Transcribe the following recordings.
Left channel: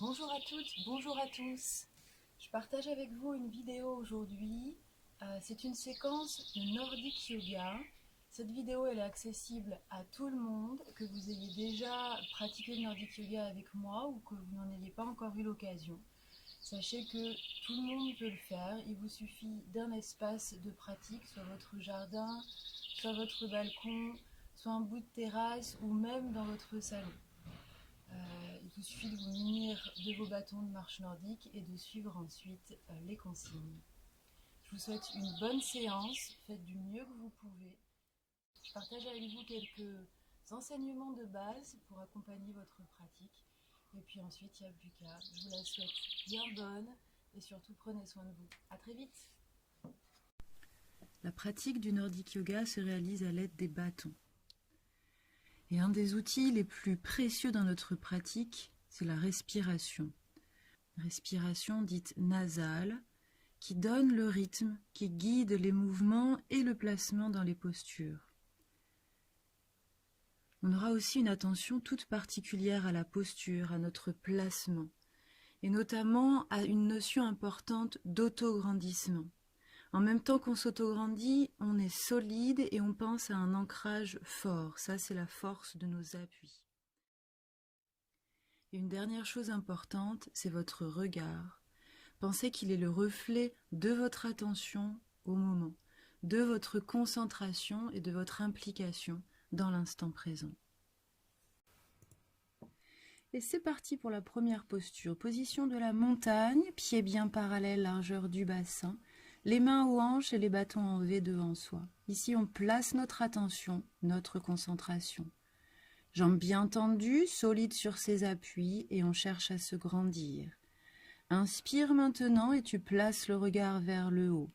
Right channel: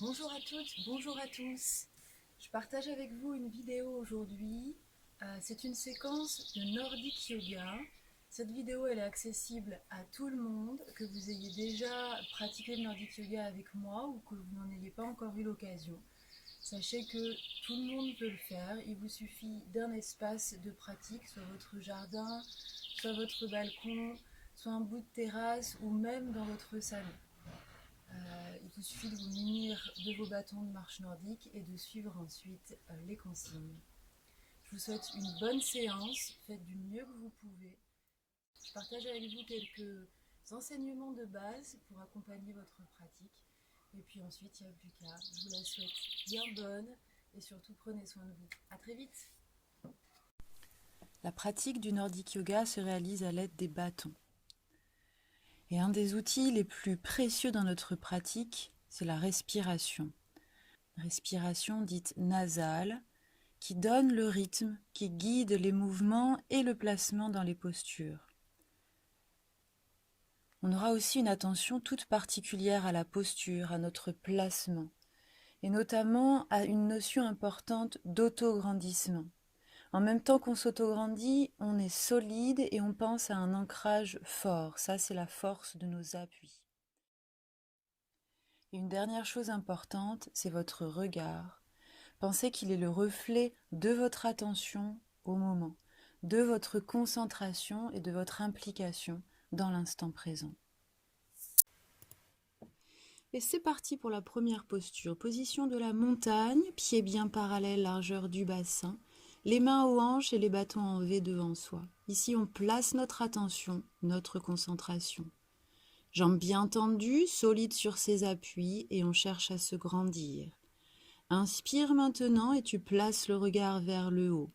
Bonjour à toutes, bonjour à tous. Je partage avec vous une vidéo aujourd'hui. C'est une séquence de Nordic Yoga. Cette vidéo elle est accessible à tout le monde, que vous ayez déjà pratiqué le Nordic Yoga avec moi ou que vous n'en ayez pas encore eu l'occasion. Sachez que tout le monde peut le faire. Il vous suffit d'un espace de pratique, soit votre jardin, soit votre balcon, soit un bout de terrasse ou même dans votre salon. Il vous suffit de vous munir de vos bâtons de marche nordique et de suivre ensuite les consignes. Je vous souhaite une bonne séance, faites du mieux que vous pouvez. Je partage avec vous quelques enseignements de base pour accompagner votre pratique. Et puis ensuite, il n'y a plus qu'à. Je vous la souhaite bien bonne et surtout prenez soin de vous. À très vite. La pratique du Nordic Yoga se réalise à l'aide des bâtons. Et un des outils les plus précieux dans notre pratique, c'est la respiration. Respiration dite nasale, qui donne le rythme, qui guide les mouvements et le placement dans les postures. On aura aussi une attention toute particulière à la posture, à notre placement, et notamment à une notion importante d'autograndissement. En même temps qu'on s'autograndit, on est solide et on pense à un ancrage fort. Ça, c'est la force de nos appuis. Et une dernière chose importante, c'est votre regard. Pensez qu'il est le reflet de votre attention au moment, de votre concentration et de votre implication dans l'instant présent. Et c'est parti pour la première posture. Position de la montagne, pieds bien parallèles, largeur du bassin, les mains aux hanches et les bâtons en V devant soi. Ici, on place notre attention, notre concentration. Jambes bien tendues, solides sur ses appuis et on cherche à se grandir. Inspire maintenant et tu places le regard vers le haut.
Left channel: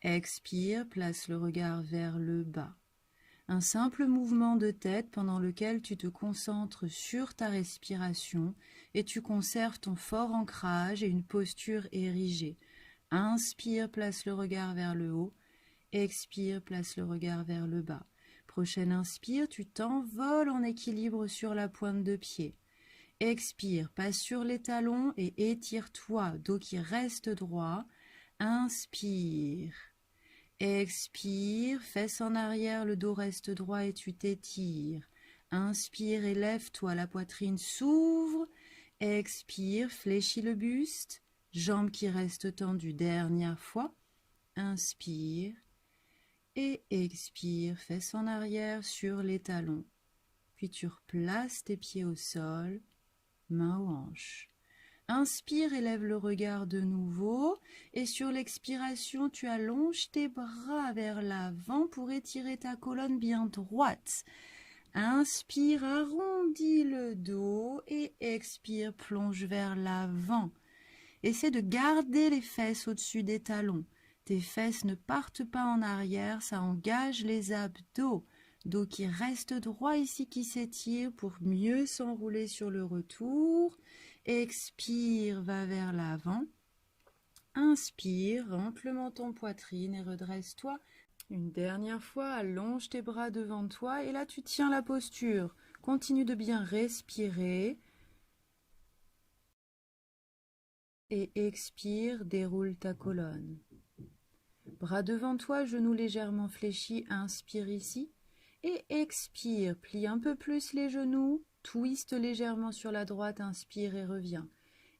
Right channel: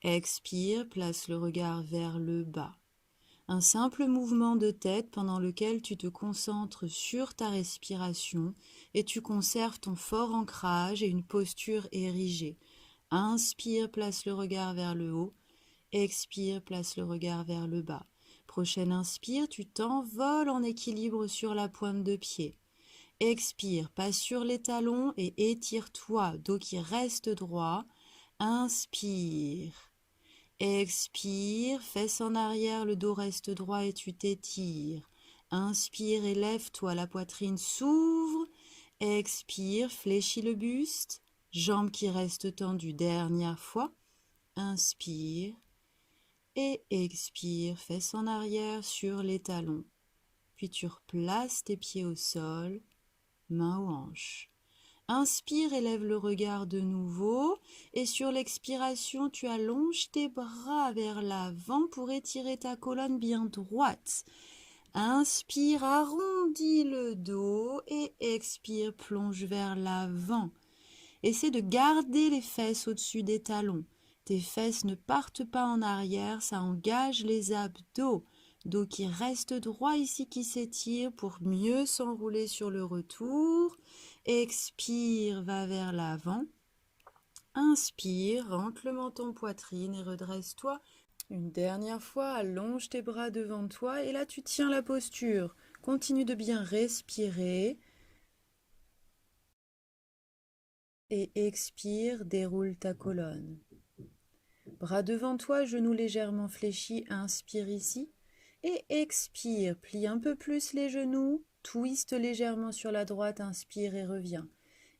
Expire, place le regard vers le bas. Un simple mouvement de tête pendant lequel tu te concentres sur ta respiration et tu conserves ton fort ancrage et une posture érigée. Inspire, place le regard vers le haut. Expire, place le regard vers le bas. Prochaine inspire, tu t'envoles en équilibre sur la pointe de pied. Expire, passe sur les talons et étire-toi, dos qui reste droit. Inspire. Expire, fesses en arrière, le dos reste droit et tu t'étires. Inspire et lève-toi, la poitrine s'ouvre. Expire, fléchis le buste, jambes qui restent tendues. Dernière fois. Inspire et expire, fesses en arrière sur les talons. Puis tu replaces tes pieds au sol, mains aux hanches. Inspire, élève le regard de nouveau et sur l'expiration, tu allonges tes bras vers l'avant pour étirer ta colonne bien droite. Inspire, arrondis le dos et expire, plonge vers l'avant. Essaie de garder les fesses au-dessus des talons. Tes fesses ne partent pas en arrière, ça engage les abdos. Dos qui reste droit ici, qui s'étire pour mieux s'enrouler sur le retour. Expire, va vers l'avant. Inspire, rentre le menton poitrine et redresse-toi. Une dernière fois, allonge tes bras devant toi et là tu tiens la posture. Continue de bien respirer. Et expire, déroule ta colonne. Bras devant toi, genoux légèrement fléchis, inspire ici. Et expire, plie un peu plus les genoux, twiste légèrement sur la droite, inspire et reviens.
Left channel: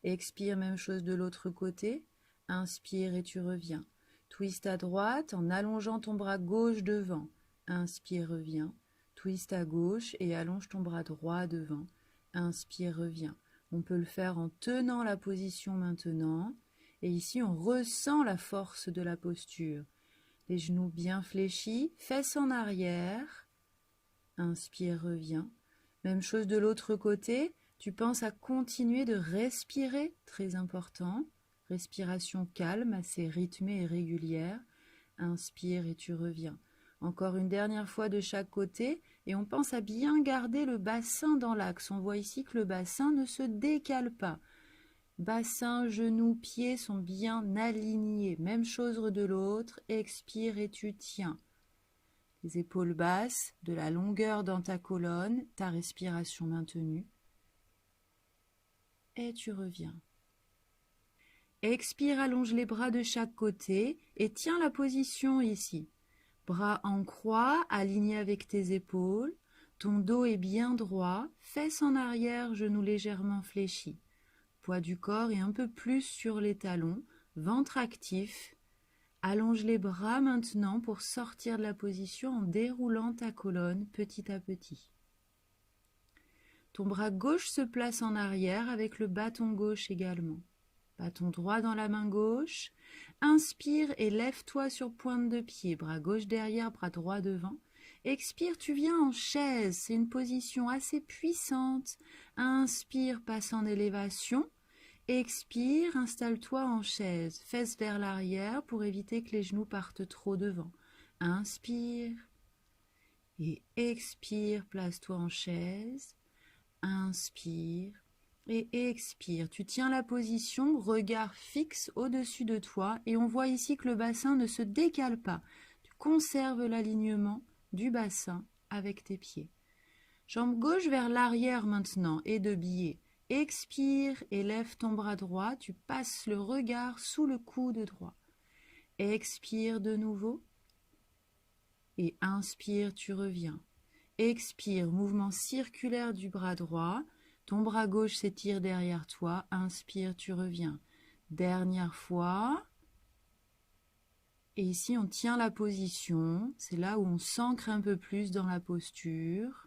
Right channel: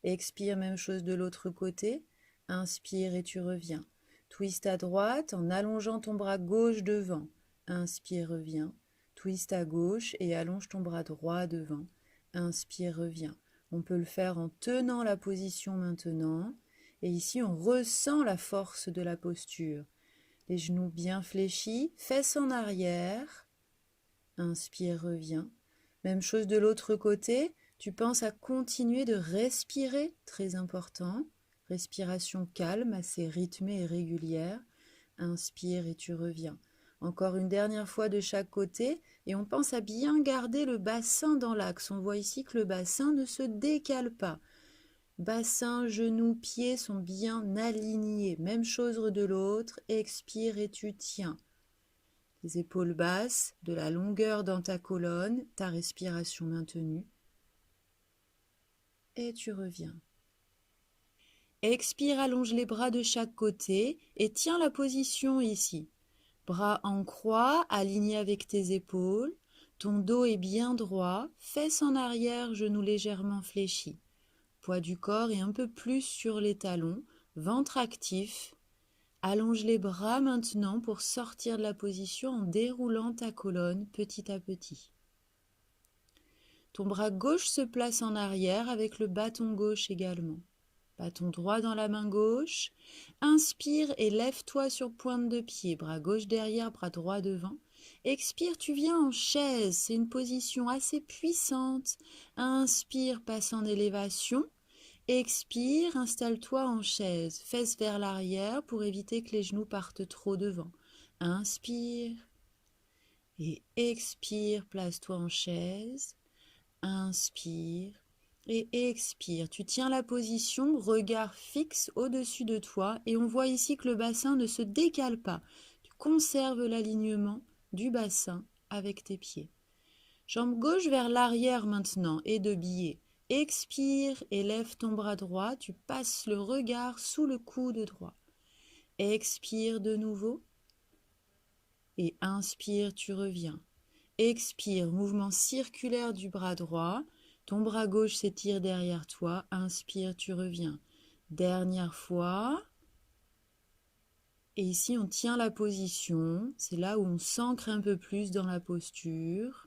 Expire, même chose de l'autre côté, inspire et tu reviens. Twist à droite en allongeant ton bras gauche devant, inspire, reviens. Twist à gauche et allonge ton bras droit devant, inspire, reviens. On peut le faire en tenant la position maintenant. Et ici, on ressent la force de la posture. Les genoux bien fléchis, fesses en arrière. Inspire, reviens. Même chose de l'autre côté. Tu penses à continuer de respirer, très important. Respiration calme, assez rythmée et régulière. Inspire et tu reviens. Encore une dernière fois de chaque côté et on pense à bien garder le bassin dans l'axe. On voit ici que le bassin ne se décale pas. Bassin, genoux, pieds sont bien alignés. Même chose de l'autre. Expire et tu tiens. Les épaules basses, de la longueur dans ta colonne, ta respiration maintenue. et tu reviens. Expire, allonge les bras de chaque côté et tiens la position ici. Bras en croix, alignés avec tes épaules. Ton dos est bien droit, fesses en arrière, genoux légèrement fléchis. Poids du corps est un peu plus sur les talons, ventre actif. Allonge les bras maintenant pour sortir de la position en déroulant ta colonne petit à petit. Ton bras gauche se place en arrière avec le bâton gauche également. Bâton droit dans la main gauche. Inspire et lève-toi sur pointe de pied. Bras gauche derrière, bras droit devant. Expire, tu viens en chaise. C'est une position assez puissante. Inspire, passe en élévation. Expire, installe-toi en chaise. Fesses vers l'arrière pour éviter que les genoux partent trop devant. Inspire et expire, place-toi en chaise. Inspire et expire. Tu tiens la position, regard fixe au-dessus de toi et on voit ici que le bassin ne se décale pas. Tu conserves l'alignement du bassin avec tes pieds. Jambe gauche vers l'arrière maintenant et de biais. Expire et lève ton bras droit. Tu passes le regard sous le coude droit. Expire de nouveau et inspire, tu reviens. Expire, mouvement circulaire du bras droit. Ton bras gauche s'étire derrière toi. Inspire, tu reviens. Dernière fois. Et ici, on tient la position. C'est là où on s'ancre un peu plus dans la posture.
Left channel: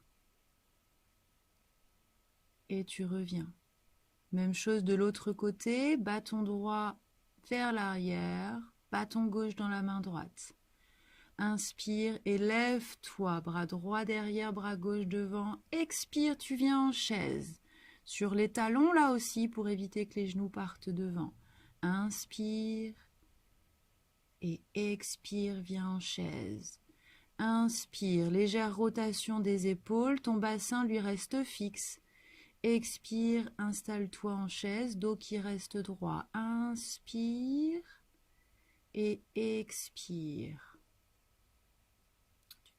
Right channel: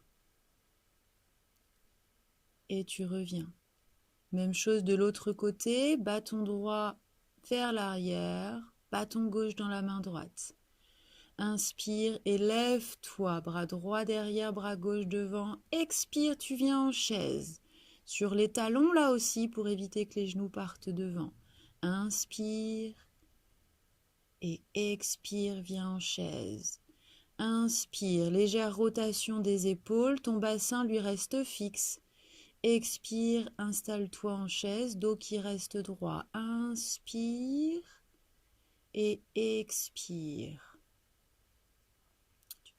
Et tu reviens. Même chose de l'autre côté. Bâton droit vers l'arrière. Bâton gauche dans la main droite. Inspire et lève-toi, bras droit derrière, bras gauche devant. Expire, tu viens en chaise. Sur les talons là aussi pour éviter que les genoux partent devant. Inspire et expire, viens en chaise. Inspire, légère rotation des épaules, ton bassin lui reste fixe. Expire, installe-toi en chaise, dos qui reste droit. Inspire et expire.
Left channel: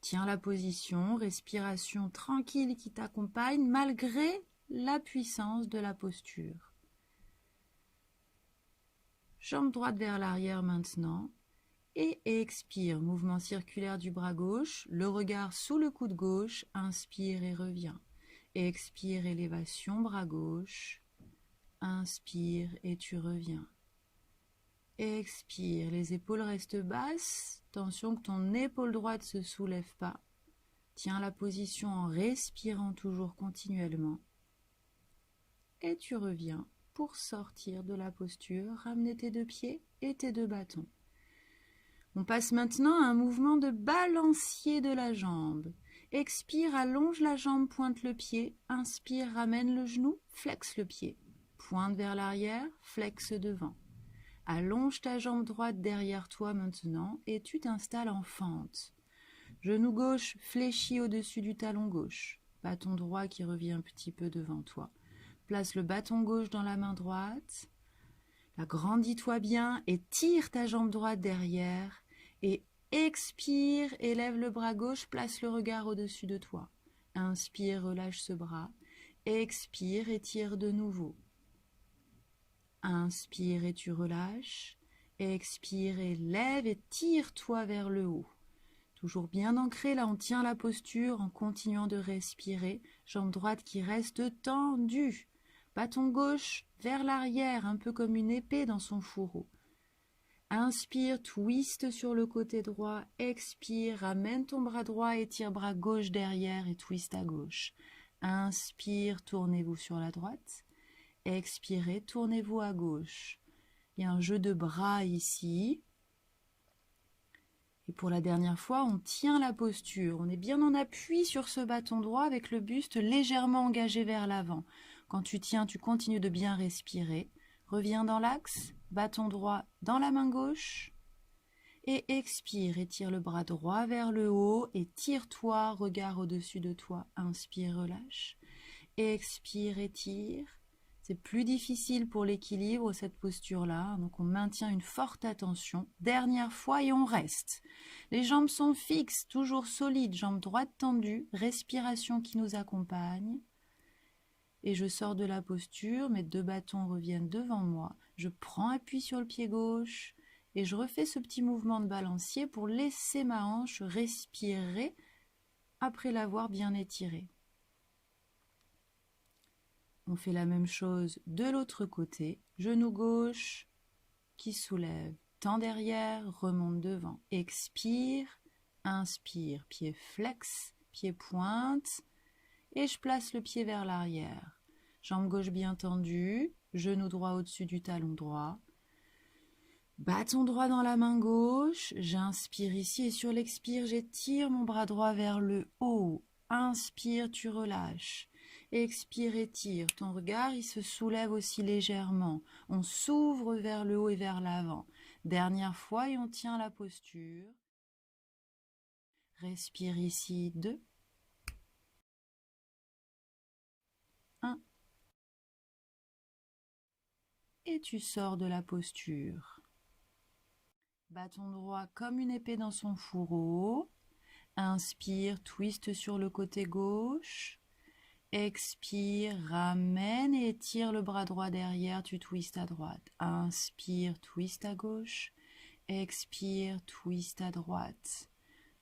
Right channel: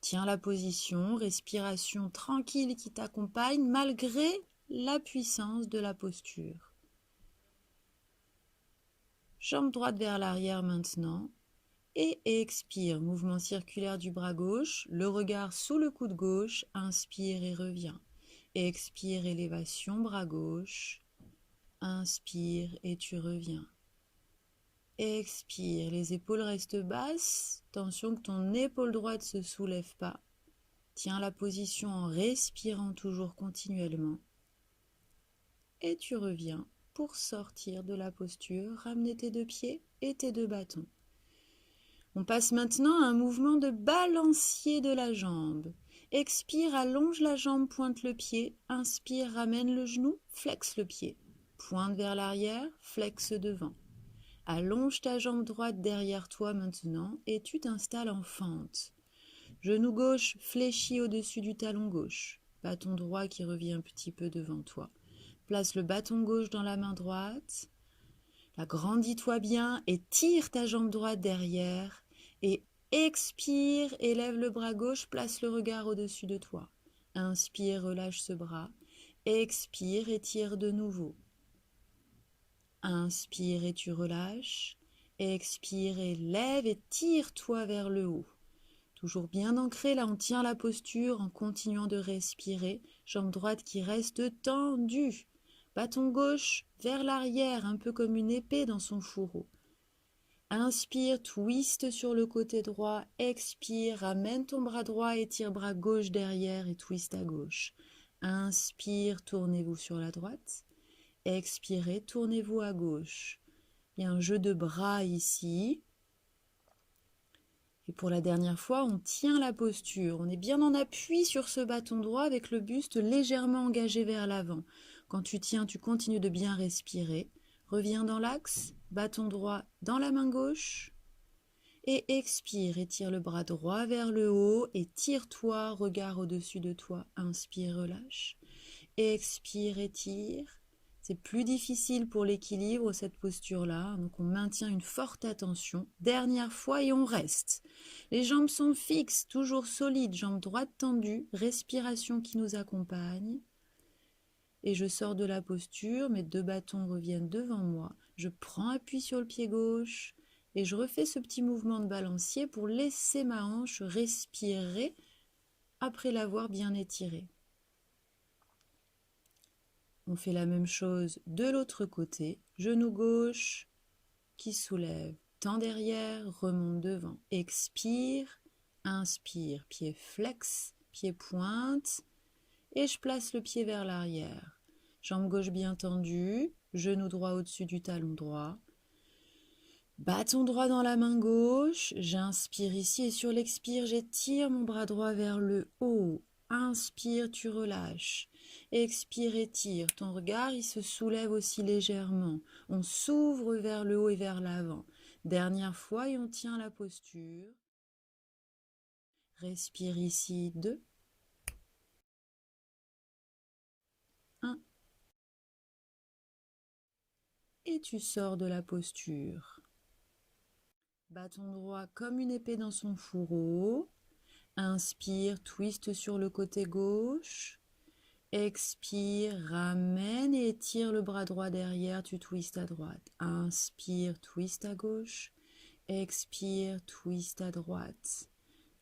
Tiens la position, respiration tranquille qui t'accompagne malgré la puissance de la posture. Jambe droite vers l'arrière maintenant et expire. Mouvement circulaire du bras gauche, le regard sous le coude gauche, inspire et reviens. Expire, élévation, bras gauche, inspire et tu reviens. Expire, les épaules restent basses, attention que ton épaule droite ne se soulève pas. Tiens la position en respirant toujours continuellement. Et tu reviens pour sortir de la posture, ramener tes deux pieds et tes deux bâtons. On passe maintenant à un mouvement de balancier de la jambe. Expire, allonge la jambe, pointe le pied. Inspire, ramène le genou, flexe le pied. Pointe vers l'arrière, flexe devant. Allonge ta jambe droite derrière toi maintenant et tu t'installes en fente. Genou gauche fléchi au-dessus du talon gauche. Bâton droit qui revient un petit peu devant toi. Place le bâton gauche dans la main droite. Agrandis-toi bien et tire ta jambe droite derrière. Et expire, élève le bras gauche, place le regard au-dessus de toi. Inspire, relâche ce bras. Expire et tire de nouveau. Inspire et tu relâches. Expire et lève et tire-toi vers le haut. Toujours bien ancré, là on tient la posture en continuant de respirer. Jambe droite qui reste tendue. Bâton gauche vers l'arrière, un peu comme une épée dans son fourreau. Inspire, twist sur le côté droit. Expire, ramène ton bras droit, étire bras gauche derrière et twist à gauche. Inspire, tournez-vous sur la droite. Expirez, tournez-vous à gauche. Il y a un jeu de bras ici. Et pour la dernière fois, on tient la posture. On est bien en appui sur ce bâton droit avec le buste légèrement engagé vers l'avant. Quand tu tiens, tu continues de bien respirer. Reviens dans l'axe, bâton droit dans la main gauche. Et expire, étire le bras droit vers le haut et tire-toi, regard au-dessus de toi. Inspire, relâche. Expire, étire. C'est plus difficile pour l'équilibre, cette posture-là. Donc, on maintient une forte attention. Dernière fois et on reste. Les jambes sont fixes, toujours solides. Jambes droites tendues. Respiration qui nous accompagne. et je sors de la posture, mes 2 bâtons reviennent devant moi, je prends appui sur le pied gauche et je refais ce petit mouvement de balancier pour laisser ma hanche respirer après l'avoir bien étirée. On fait la même chose de l'autre côté, genou gauche qui soulève, tend derrière, remonte devant, expire, inspire, pied flex, pied pointe, et je place le pied vers l'arrière. Jambe gauche bien tendue, genou droit au-dessus du talon droit. Bâton droit dans la main gauche, j'inspire ici et sur l'expire, j'étire mon bras droit vers le haut. Inspire, tu relâches. Expire, étire. Ton regard, il se soulève aussi légèrement. On s'ouvre vers le haut et vers l'avant. Dernière fois et on tient la posture. Respire ici, 2. 1. Et tu sors de la posture. Bâton droit comme une épée dans son fourreau. Inspire, twist sur le côté gauche. Expire, ramène et étire le bras droit derrière, tu twistes à droite. Inspire, twist à gauche. Expire, twist à droite.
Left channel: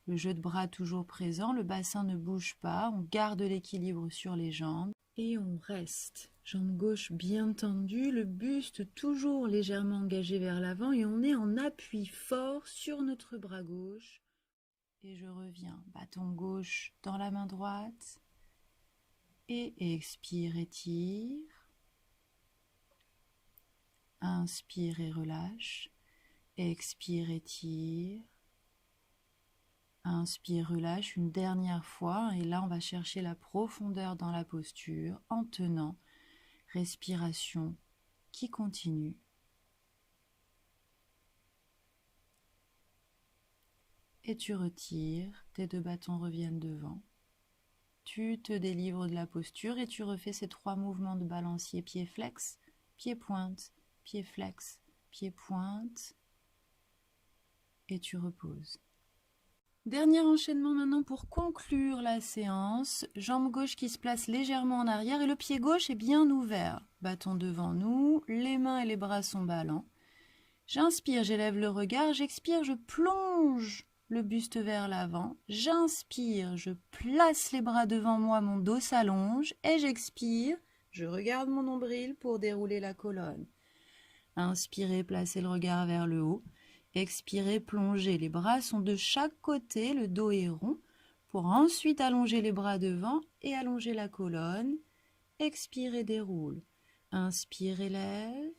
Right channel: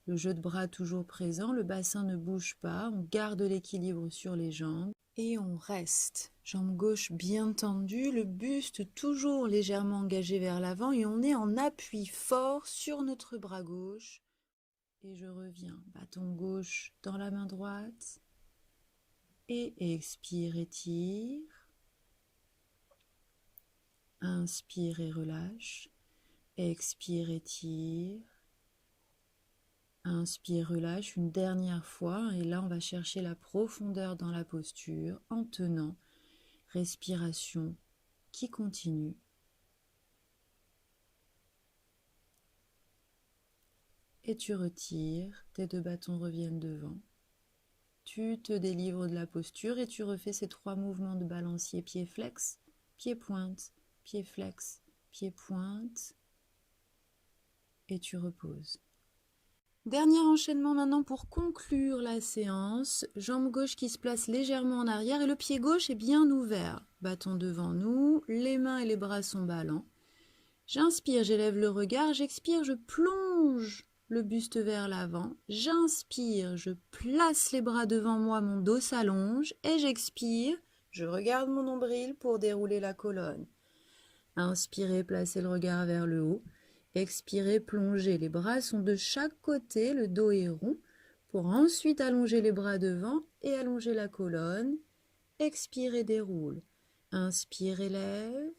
Le jeu de bras toujours présent, le bassin ne bouge pas, on garde l'équilibre sur les jambes et on reste. Jambe gauche bien tendue, le buste toujours légèrement engagé vers l'avant et on est en appui fort sur notre bras gauche. Et je reviens, bâton gauche dans la main droite. Et expire, étire. Inspire et relâche. Expire, étire. Inspire, relâche une dernière fois. Et là, on va chercher la profondeur dans la posture en tenant. Respiration qui continue. Et tu retires. Tes 2 bâtons reviennent devant. Tu te délivres de la posture et tu refais ces 3 mouvements de balancier. Pied flex, pied pointe, pied flex, pied pointe. Et tu reposes. Dernier enchaînement maintenant pour conclure la séance. Jambe gauche qui se place légèrement en arrière et le pied gauche est bien ouvert. Bâton devant nous, les mains et les bras sont ballants. J'inspire, j'élève le regard, j'expire, je plonge le buste vers l'avant. J'inspire, je place les bras devant moi, mon dos s'allonge et j'expire, je regarde mon nombril pour dérouler la colonne. Inspirez, placez le regard vers le haut. Expirez, plongez. Les bras sont de chaque côté, le dos est rond, pour ensuite allonger les bras devant et allonger la colonne. Expire et déroule. Inspire, élève.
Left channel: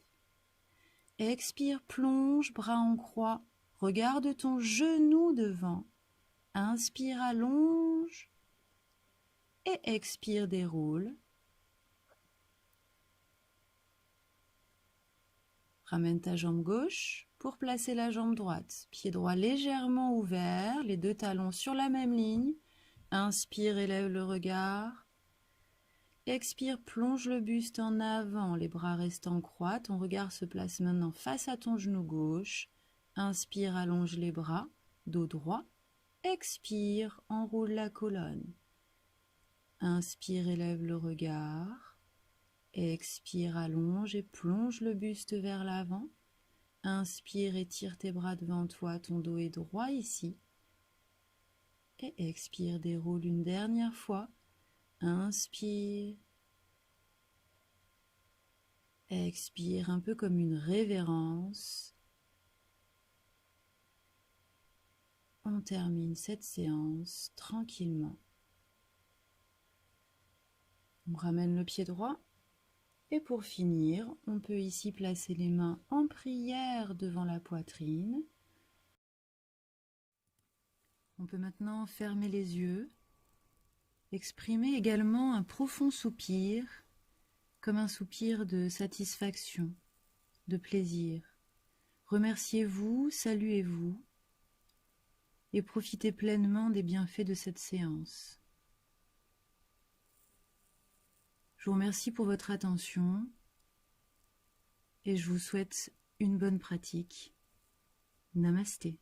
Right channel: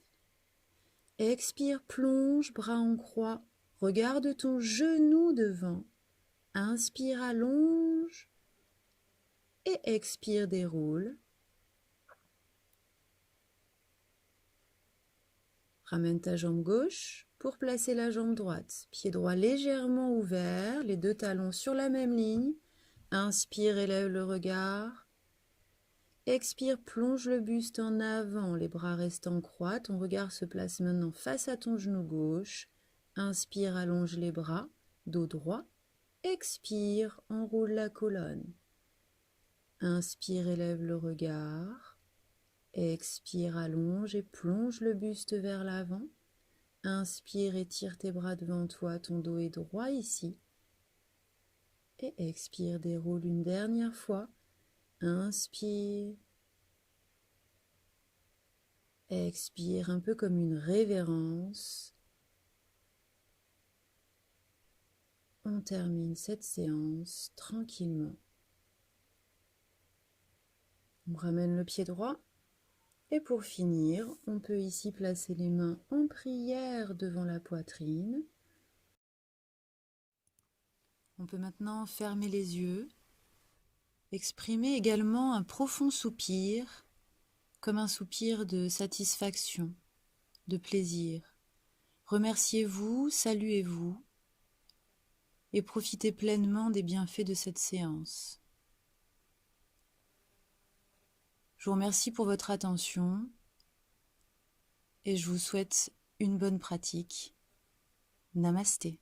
Expire, plonge, bras en croix. Regarde ton genou devant. Inspire, allonge. Et expire, déroule. Ramène ta jambe gauche pour placer la jambe droite. Pied droit légèrement ouvert, les 2 talons sur la même ligne. Inspire, élève le regard. Expire, plonge le buste en avant, les bras restent en croix. Ton regard se place maintenant face à ton genou gauche. Inspire, allonge les bras, dos droit. Expire, enroule la colonne. Inspire, élève le regard. Expire, allonge et plonge le buste vers l'avant. Inspire, étire tes bras devant toi, ton dos est droit ici. Et expire, déroule une dernière fois. Inspire. Expire, un peu comme une révérence. On termine cette séance tranquillement. On ramène le pied droit. Et pour finir, on peut ici placer les mains en prière devant la poitrine. On peut maintenant fermer les yeux, exprimer également un profond soupir, comme un soupir de satisfaction, de plaisir. Remerciez-vous, saluez-vous et profitez pleinement des bienfaits de cette séance. Je vous remercie pour votre attention et je vous souhaite une bonne pratique. Namasté.